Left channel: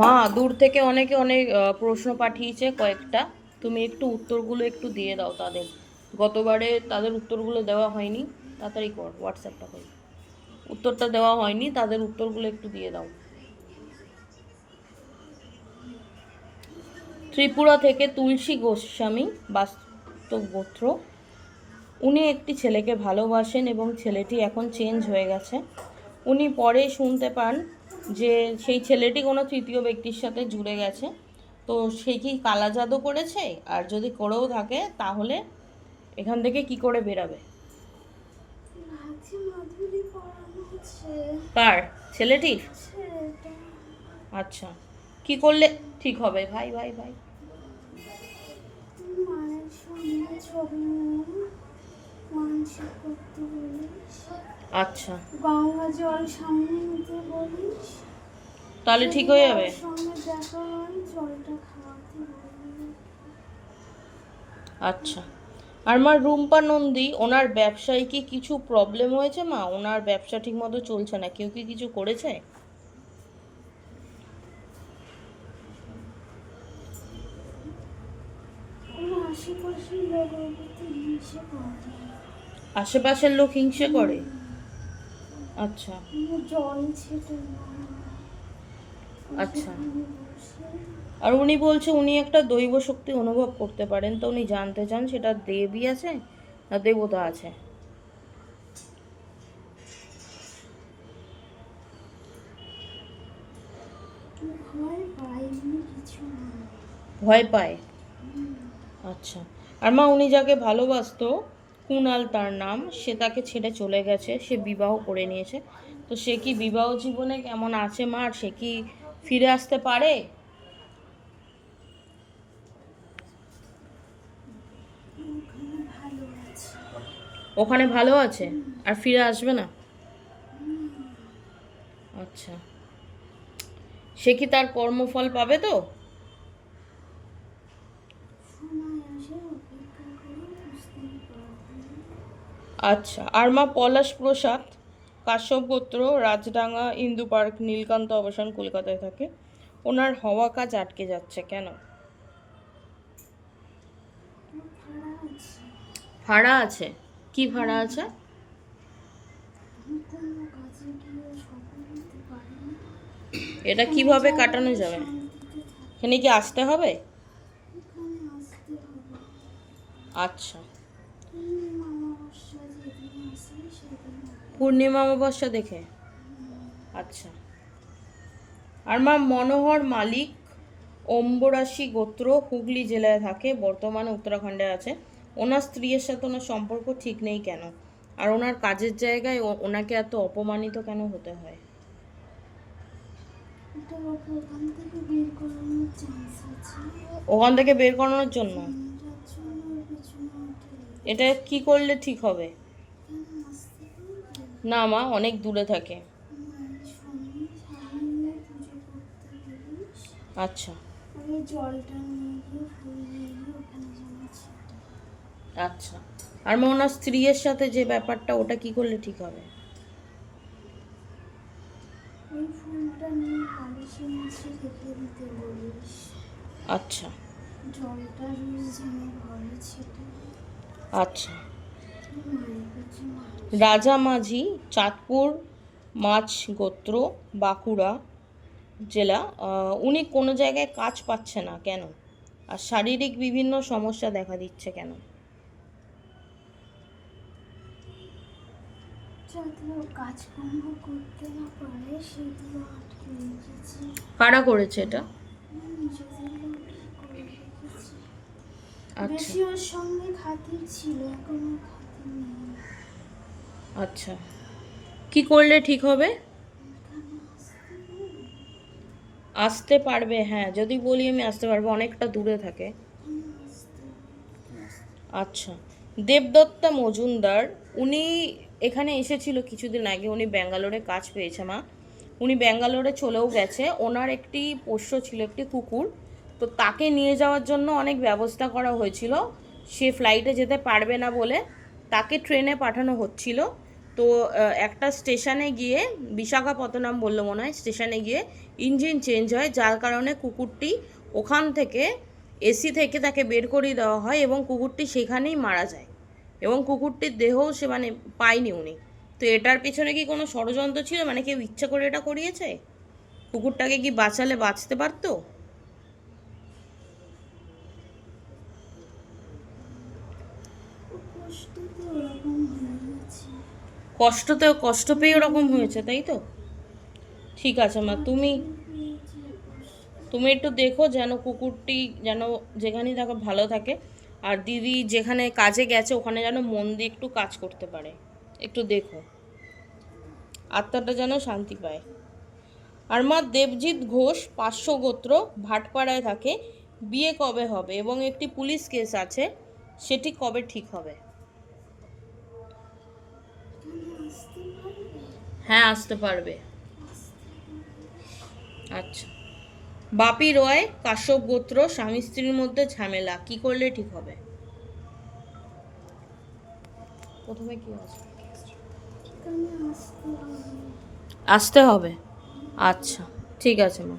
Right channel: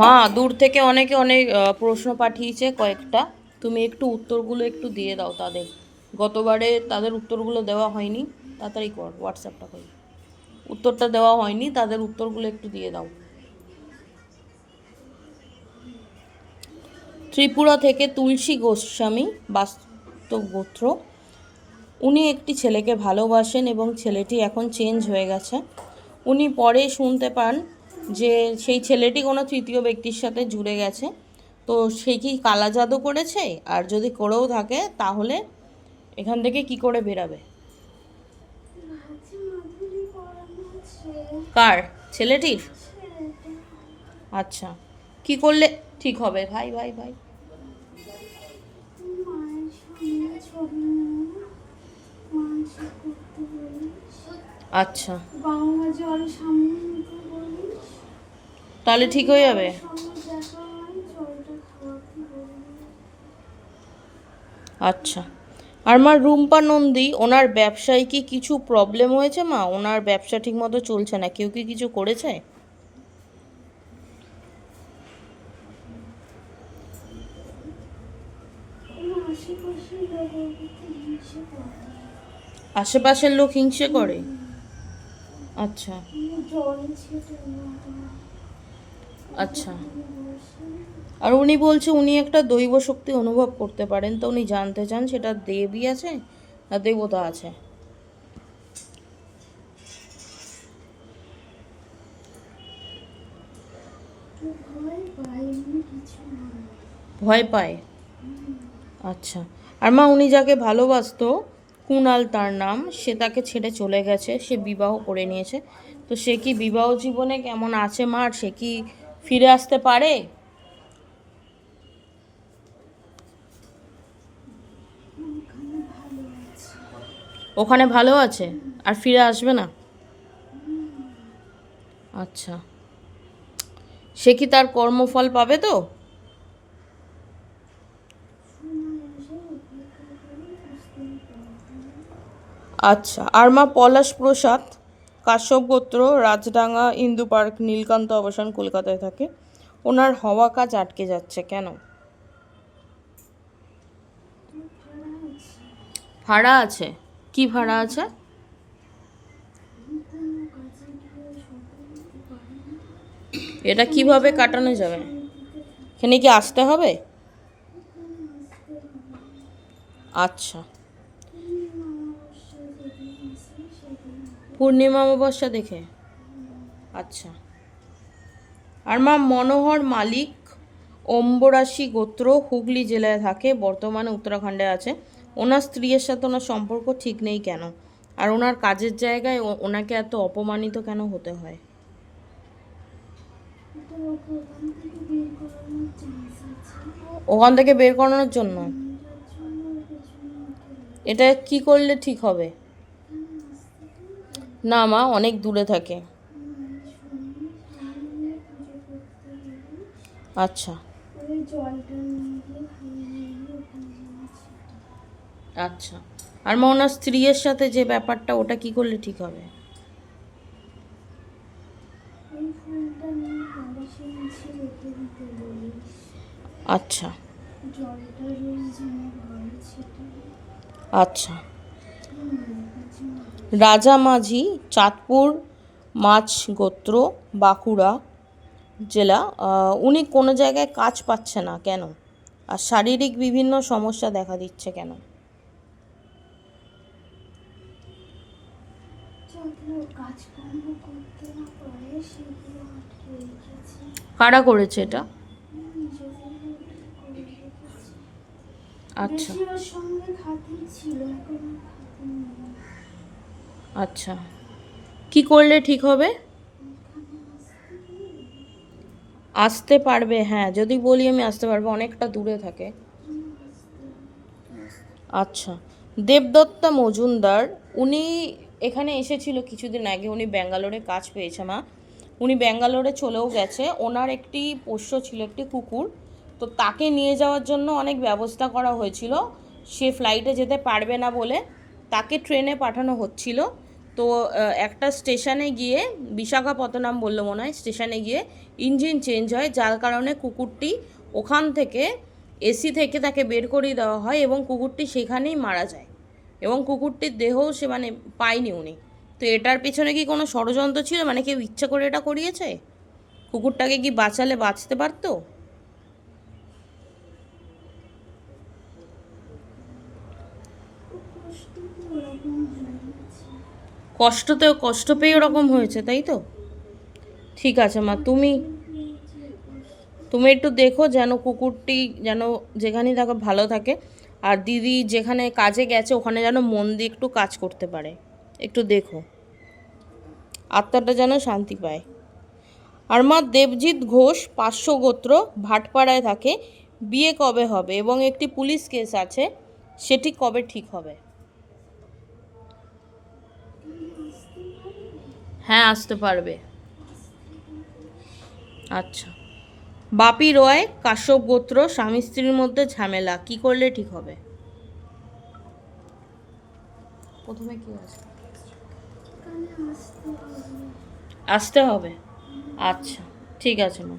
মা, দূর থেকে অনেকে অনেক প্রশ্ন পাঠিয়েছে কয়েকটা, তুমি একটু উত্তরগুলো একটু দিয়ে দাও তাদের। গতবারে তাদের উত্তরগুলো দেওয়া হয়নি, তাড়াতাড়ি কর, হোয়াটসঅ্যাপটা কর। উত্তরটা দেওয়া হয়নি, তাদের উত্তরগুলো একটু দিয়ে দাও। ত্রিপুরা থেকে তুলসী গোস্বামী, বাস্তব গোত্র। উনি একটি ছেলেকে ভালোবাসেন এবং ছেলেটি এখন চেঞ্জ হয়ে গেছে। উনি পরে শুনতে পান যে সেই ছেলেটি কোনো তৃতীয় ব্যক্তির সাথে জুড়ে গেছে। তো সে কি কালা জাদু করেছে? আর যদি করেও থাকে তাহলে এখান থেকে কি করে বেরাবে? কার? ছেলেটির? আচ্ছা, কি করলে ঠিক হবে? ভাই ভাই ভাই, আচ্ছা, তাহলে ঠিক হয়ে যাবে। আচ্ছা। আর মা, রুম্পা নন্দী, ওনার ব্যবসায় কি কিছু প্রবলেম হয়েছে মা? ওনার ব্যবসা ঠিক মতো চলছে না, কেউ কি কিছু করেছে? আশেপাশের লোক হিংসে করে? আচ্ছা আচ্ছা। আর উনি বলছে উনি একটা দৈব শক্তি অনুভব করতে পারেন, তো উনি জানতে চান সেটা দেবী আছে না দেবতা আছে? ভয় পায়? আচ্ছা। আর মা, উনি যাকে ভালোবাসতো, কুণাল তার নাম, সে তাকে ছেড়ে চলে গেছে, সে বিবাহ করে নিয়েছে। তো সে কি বিবাহ জীবনে কেমন আছে মা? আর সে কি ফিরে আসতে পারে? ওখানে ভালো আছে আর ফিরে আসবে না? আচ্ছা, সে কি তার কর্মফল পাবে তো? আচ্ছা। আর মা, পলাশ প্রসাদ, কাশ্যপ গোত্র, রাজডাঙ্গা ইন্দু পার্ক, নীলকান্ত আবাসন, কলকাতায় থাকে। ওনার হওয়া কাজ আটকে যাচ্ছে কেন? ভাড়া আছে? কি ভাড়া আছে? এটা কিভাবে কাটানো যাবে? এখানে কি আসতে হবে? আচ্ছা, পূর্ণিমা অমাবস্যা দেখে। আচ্ছা। আর মা, মনোহর মালিক, অম্বরাশি গোত্র, হুগলি জেলায় থাকে, বর্তমানে উত্তরাখণ্ডে আছে। ওনার স্ত্রীর সাথে ওনার সম্পর্ক ঠিক নেই কেন? আর ওনার কাজের জায়গায় ওনাকে এত অপমানিত কেন হতে হয়? ওখান থেকে বের করানোর জন্য? এটা কি করলে ঠিক হবে? না মা, অনেক দূরে থাকে। আচ্ছা আচ্ছা। আর মা, ওনার স্ত্রীর সাথে যে ব্যাপারটা, ওটা কি করলে ঠিক হবে? আচ্ছা আচ্ছা। রাজা মাঝি, চাঁদপুর মাছ গোত্র, বাঁকুড়া জেলা। উনি কোনো জায়গায় কাজ পাচ্ছে না কেন? আর শারীরিক বিভিন্ন সমস্যা দেখা দিচ্ছে কেন? কারা করেছে এটা? আচ্ছা আচ্ছা। কি করলে ঠিক হবে? আসতে পারবে? হ্যাঁ, যদি বলি আমি আসতে পারবো, অনেকটা দূরে থাকে। আচ্ছা। দেবদত্তা মজুমদার, উনি এখানে এসেছিল কিছুদিন আগে, উনি ব্যাঙ্গালোরে কাজ পেয়েছে মা। উনি ব্যাঙ্গালোরে চলেও গেছে। ওনার একটি পোষ্য ছিল, একটি কুকুর। তো তাকে নিয়ে যাওয়ার জন্য অনেক ব্যবস্থা করা হয়েছিল। সে ফ্লাইটে যেতে পারবে না বলে তাকে ট্রেনে পাঠানো হচ্ছিল। তো একটা স্টেশনে গিয়ে, বিশাখাপত্তনম বললো মনে হয়, স্টেশনে গিয়ে ইঞ্জিন চেঞ্জ হয়, যার কারণে কুকুরটি ওখান থেকে এসি থেকে তাকে বের করিয়ে দেওয়া হয় এবং কুকুরটি সেখানেই মারা যায় এবং কুকুরটির দেহও সে মানে পায়নি উনি। তো এটার পেছনে কি কোনো ষড়যন্ত্র ছিল, মানে কেউ ইচ্ছা করে এটা করিয়েছে? কুকুরটাকে কি বাঁচালে বাঁচতে পারতো? কষ্ট পেয়ে ওরকম হয়েছে, তাই তো? ঠিক আছে মা, তুমি একটু দেখো যেন কুকুরটি যেন যেখানেই থাকে ভালো থাকে, আর দিদি যেখানে কাজে গেছে ওখানে যেন মন দিয়ে একটু কাজ করতে পারে, একটু দেখো, আত্মাটা যেন শান্তি পায়। আর মা, দেবজিৎ ঘোষ 500 গোত্র, ভাটপাড়ায় থাকে, বিয়ে কবে হবে এবং একটি পুলিশ কেস আছে, সেটি কবে ঠিক হবে? হ্যাঁ, আসতে পারবে। আচ্ছা। বাপি রয়, কাশ্যপ গোত্র, স্বামী স্ত্রীর মধ্যে ঝামেলা, কি করলে ঠিক হবে? প্রথমে কি আছে? আসতে হবে। আচ্ছা, ঠিক আছে মা।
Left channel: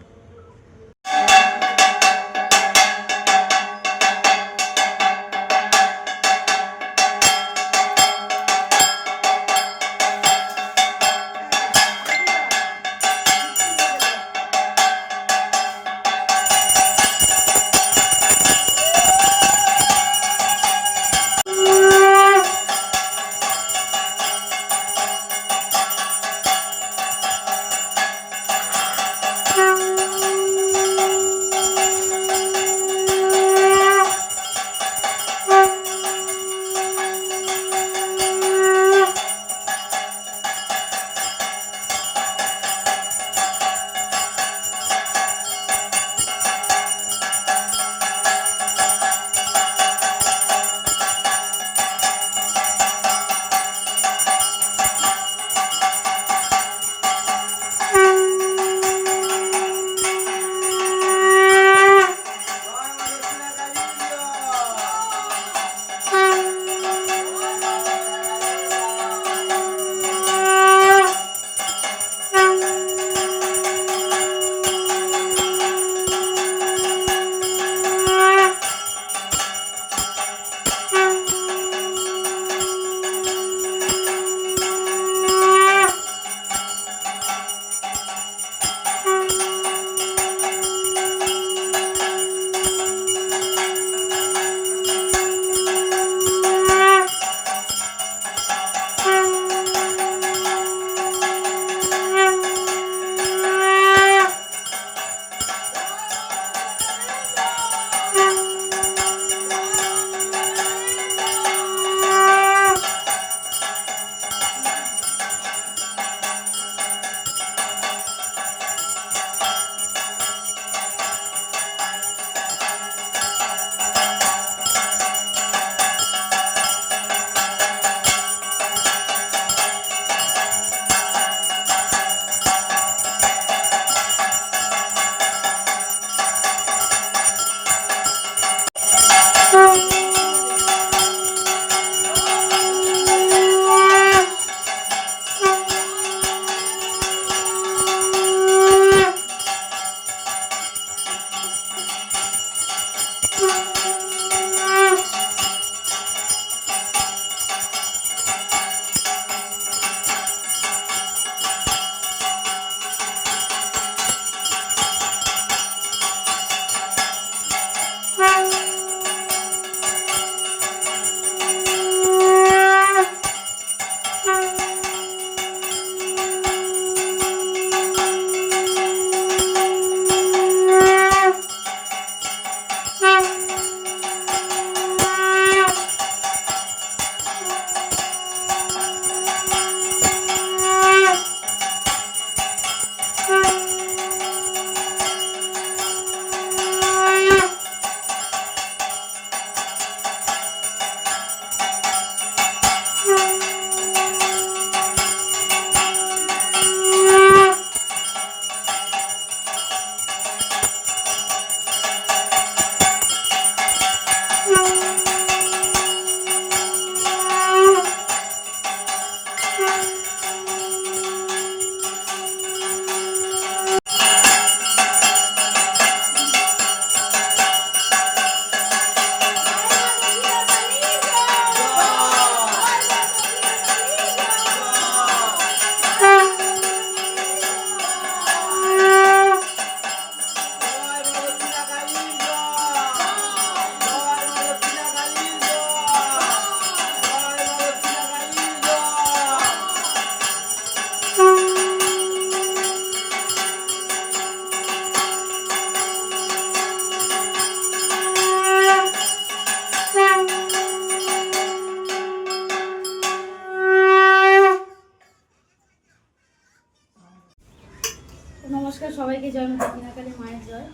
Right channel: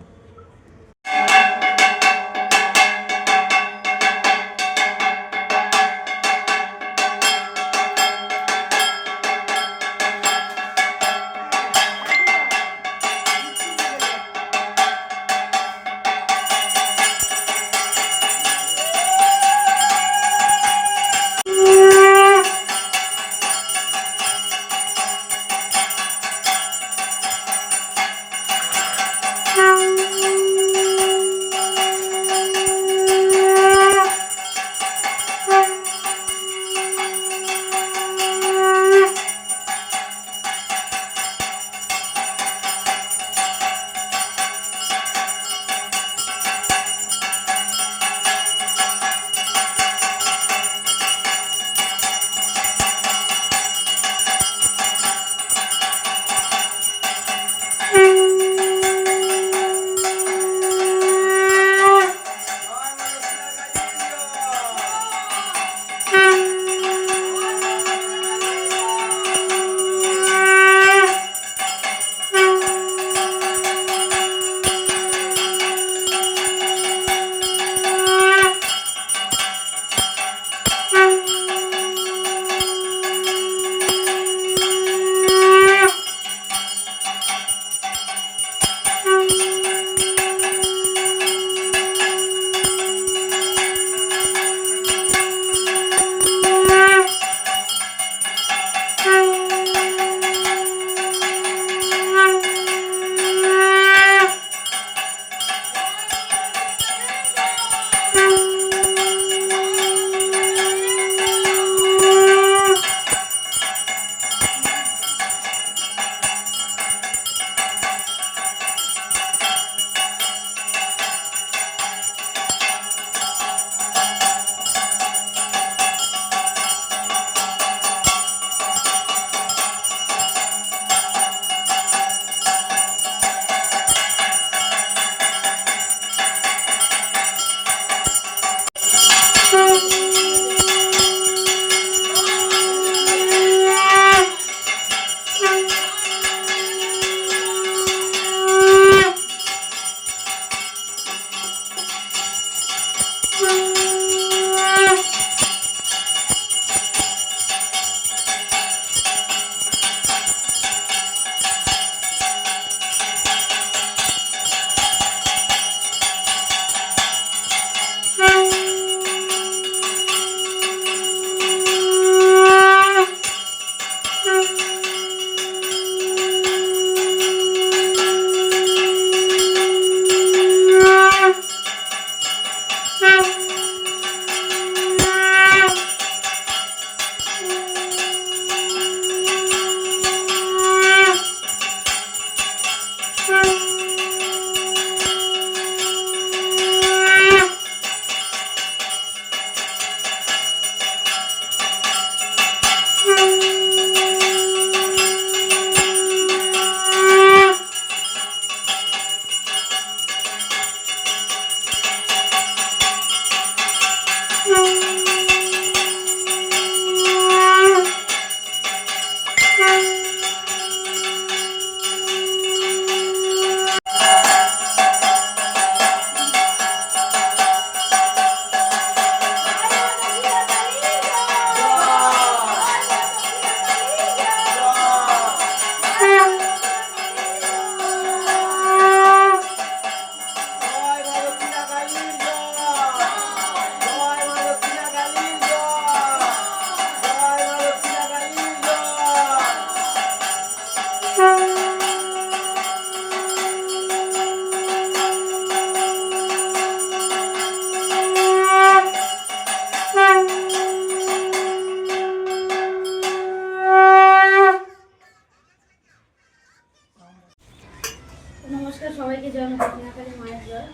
সবাইকে জয় মা দক্ষিণাকালী মায়ের জয়।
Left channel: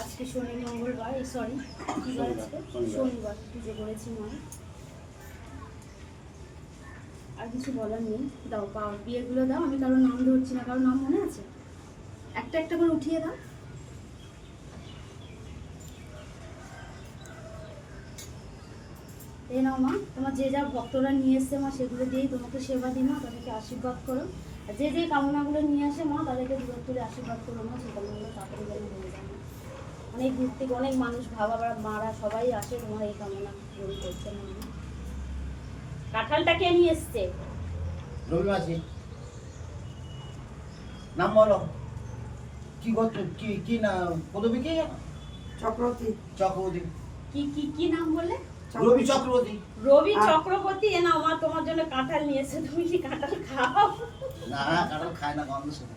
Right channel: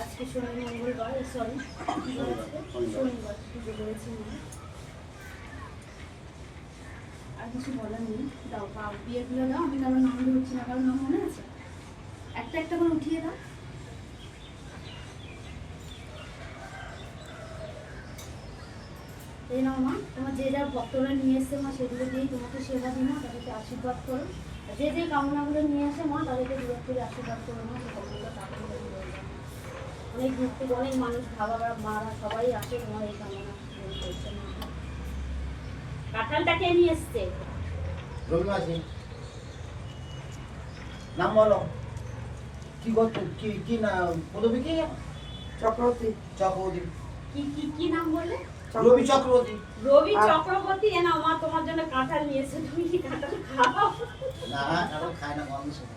আজকে শনি মঙ্গলবার, সরি শনিবার পুজো করেছি মা। আর কিছু বলার নেই, দাও পা বিয়েগুলো দাও। আমি কারোর নাম ধরছি না, কারোর নাম মনে আছে? একটা একটা করে উঠিয়ে দাও। এই নাও মা, তোমার যে যা ভক্তরা নিয়ে এসছে মা সেগুলো দিয়েই তোমাকে সেবা দিই মা, তাদেরকে আশীর্বাদ করো। আর যে যে কামনাগুলো নিয়ে আসে মা তাদেরকে দূর করে আশীর্বাদ করো মা, সেই কামনাগুলো তাড়াতাড়ি যেন হয়ে যায়। অনেক দূর থেকে অনেক মানুষ বাবা মারা সবাই আসে মা এই কামনা পূরণ করছে মা। কাঁঠালটা কে নিয়ে এসছে? রবি মাসি নাম বলো, কি করছো, কি না পদবী কি? চক্রবর্তী। চক্রবর্তী। কি নাম বললে? রবি চক্রবর্তী। রবি চক্রবর্তী। এ নাও মা, তোমার জন্য কাঁঠাল নিয়ে এসেছে। তুমি কি কাঁঠাল খাও? না কারণ খায় না, গন্ধ শুনে।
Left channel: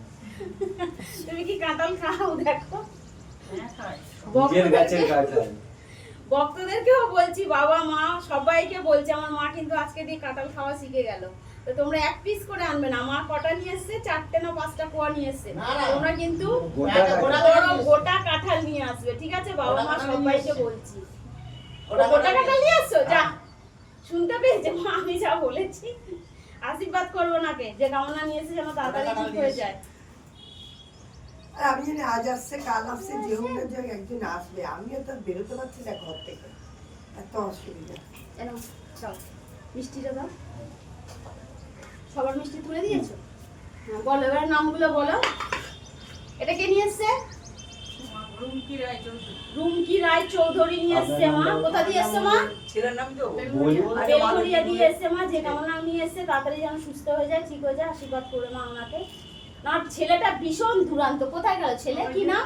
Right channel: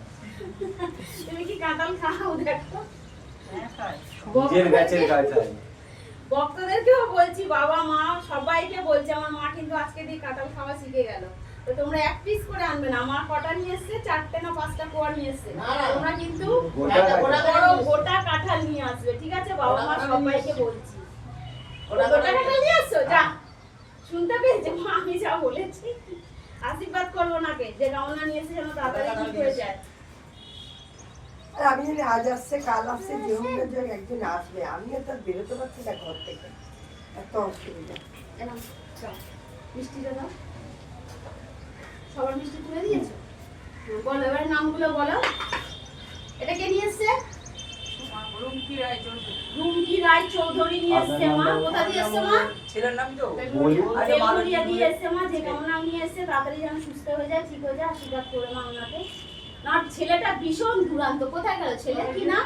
তুমি কি কাঁঠাল খাও? দেখো নিজের গাছের কাঁঠাল। ভক্তদেরকেও বলছি, বাবা মা সবাইকে বলছি, আমার মা কিন্তু আজকে দিয়ে কাঁঠাল খাওয়া শিখে গেল। তো তোমরা এক পিস করে আনবে না। আমার কটা নিয়ে এসছে? 4টে না 5টা কোয়া নিয়ে এসছে। তোমরা কিন্তু গোটা কাঁঠাল নিয়ে আসবে, ঠিক আছে? বাবা মা সবাইকে বলছি, গোটা কাঁঠাল নিয়ে আসছো। যা শুনতে পেয়েছে মা, আমি যা বলেছি। আশীর্বাদ করবো নাকে, যে কামনা নিয়ে এসে যেন তাড়াতাড়ি ঠিক হয়ে যায়। আর আমি জানি আজ আসছে কাল আসছে, যে হোক না যে একদিন আসবে। আমি তো আর বেরোতে পারছি না ঘর থেকে, এত অসুবিধা। এনাও দাও, মিষ্টিটা দাও। সবার মিষ্টি তুলে দিয়েছো? হ্যাঁ, বলো এবার নামগুলো বলো। এটা কে নিয়ে এসছে? রুমকি রায় চৌধুরী নিয়ে এসছে মা। কোথা দিয়ে এসছে মা? ছেলের নাম তো বেলঘরিয়া দিয়ে এসছে মা। যে কামনা নিয়ে এসছে তাড়াতাড়ি যেন সুস্থ হয়ে যায়, ঠিক হয়ে যায়, আশীর্বাদ করে মা ওনাকে। না ছেলেটা ভীষণ দুরান্ত। কোথায় গেল ছেলে? কি নাম?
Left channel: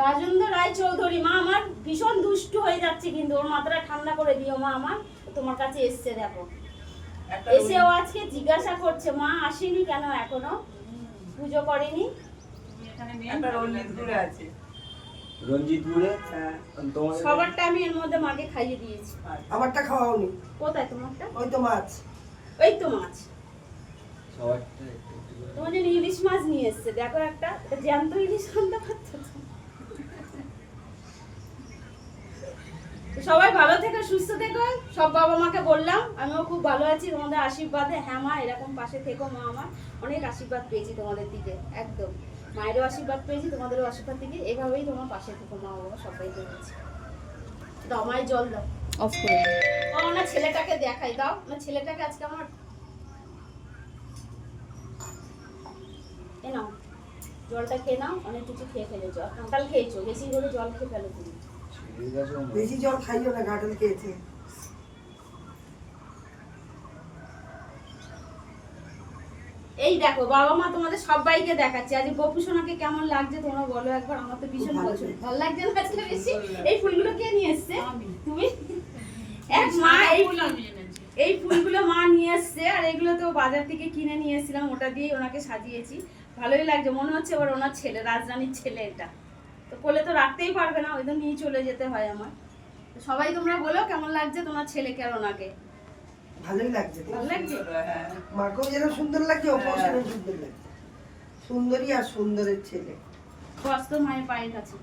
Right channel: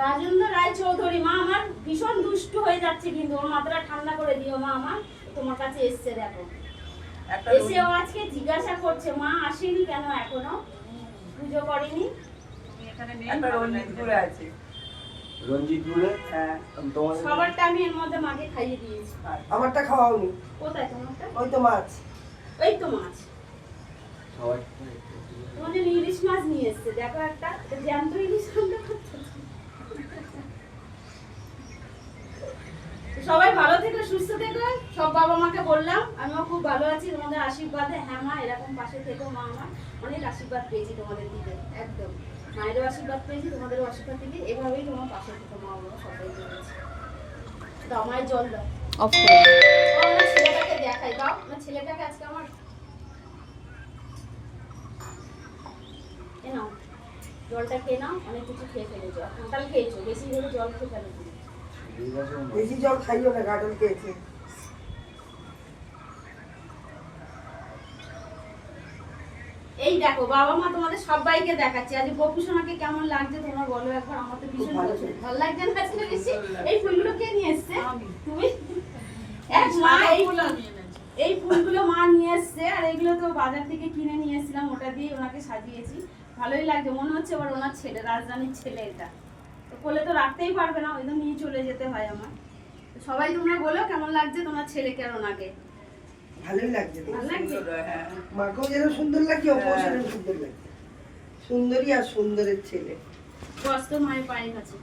রাজেন্দ্র রায় চৌধুরী। মা আমার ভীষণ দুষ্টু হয়ে যাচ্ছে, কিন্তু ওর মাথাটা ঠান্ডা করে দিও মা। আমার তোমার কাছে এসছে, দেখো এসে ও আজকে জিজ্ঞাসা করছে মা আসেনি কেন এখনো, পুজো করেনি। রঞ্জিতপুরে আছে। রঞ্জিতপুরে তোমার সবারটা আমি এর মধ্যে মাকে খাইয়ে দিয়েছি। আমারটা খাওয়াওনি? কোথায় তোমারটা? ওই তো মাছ। ওই তো মাছ। সবারটা তোমার জন্য ইলিশ মাছ নিয়ে এসছে, দেখো একটা। এটা জ্যান্ত ইলিশ আনতে পারতো। সবাই ভালো থেকো, সুস্থ থেকো। সব বাবা মাকে বললাম আমিও খুব ভালো আছি তোমাদের আশীর্বাদে। হ্যাঁ মা, এরকম পাশে থেকো মা। আমার অনেক আশীর্বাদ পেয়েছি তোমাদের দিকে, একদম মায়েরও আশীর্বাদ পেয়েছি, তোমাদেরও আশীর্বাদ থেকে। এভাবেই তোমার পাশে থেকো মা। বাবা সবাইকে বলেছি। দাও মায়ের জল দাও। অফ করে দিই। আমার ছেলেটাকে দেখাই, দাও না ছেলেটাকে আজকে আমার। এ নাও জলটা খেয়ে নাও, অনেক কিছু খেয়ে ফেলেছো। আর কাঁঠাল খেয়েছো, বেশি করে জল খেয়ে ফেলো তুমি। বেশি জল খাইও না, কাঁঠাল খেয়েছে। এই দেখো বাবা মা তোমাদের সবাইকে দেখাচ্ছি আজ গোপু সোনাকে কেমন লাগছে তোমরা বলো একবার। আমার তো ভীষণ পছন্দ, ভালো লাগছে না আজকে বেশি? এই ফুলগুলো কে নিয়ে এসছে? তুমি? এক মা এই ফুলগুলো মা নিয়ে এসছে, আর এগুলো তো বাজার থেকে কিনে নিয়ে এসেছিলাম, ওটা দিয়ে ওনাকে সাজিয়েছি। ভালোই লাগছে, মনে হচ্ছে এবার ওনার ছেলে, রাজধানীর ছেলে। এটা তো কোলে তো রাখতেই পারবে না, ওই তো নিয়ে চলে যেতে হয় আমার। তো সবাই তোমরা বলো কেমন লাগছে তোমার ছেলেকে আর ওনাকে। ভালোই লাগছে। ভালো লাগছে? মাকেও যেন সুন্দর লাগছে, ওকেও যেন সুন্দর লাগছে। সুন্দরী আর সুন্দরের ছেলে। বস তো মায়ের পায়ের কাছে।